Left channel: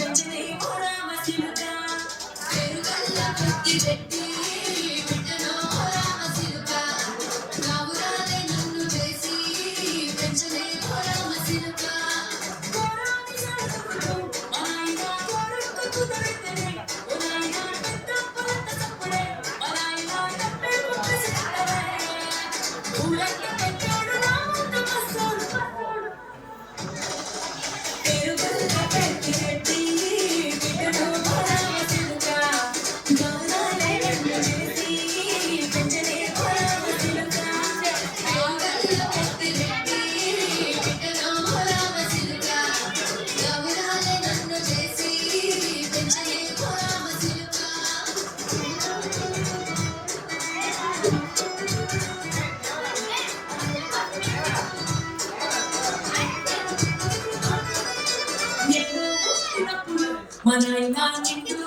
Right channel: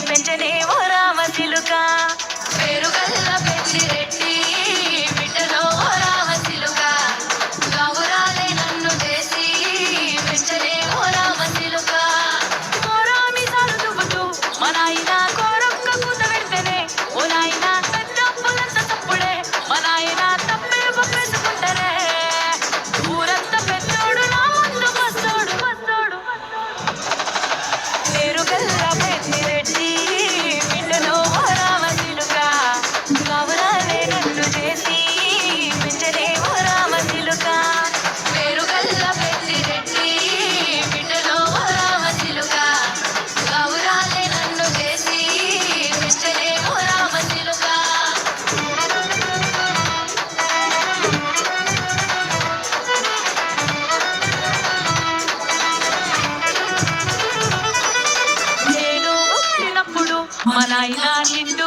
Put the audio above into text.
పెంచలేవో రామచిలుక పేరుగల్ల పెద్దిరెడ్డి బిడ్డలో రామచిలుక గావురాలే నన్ను చేసి పెంచలేవో రామచిలుక కోరామి సరుదుబుతూ మా నాయన కోరొక్క కూత పెడితేనే ఓ నాయన తప్పలంత తప్పుడే మా నాయన తప్పెలు పప్పేసుకుంటారే ఊరంతా పెద్దోడు నా ముందు వస్తాడు వస్తాడు పేరుగల్ల పెద్దిరెడ్డి బిడ్డలో రామచిలుక గావురాలే నన్ను చేసి పెంచలేవో రామచిలుక పేరుగల్ల పెద్దిరెడ్డి బిడ్డలో రామచిలుక గావురాలే నన్ను చేసి పెంచలేవో రామచిలుక నేను పుట్టినప్పుడు మా నాయన నిన్ను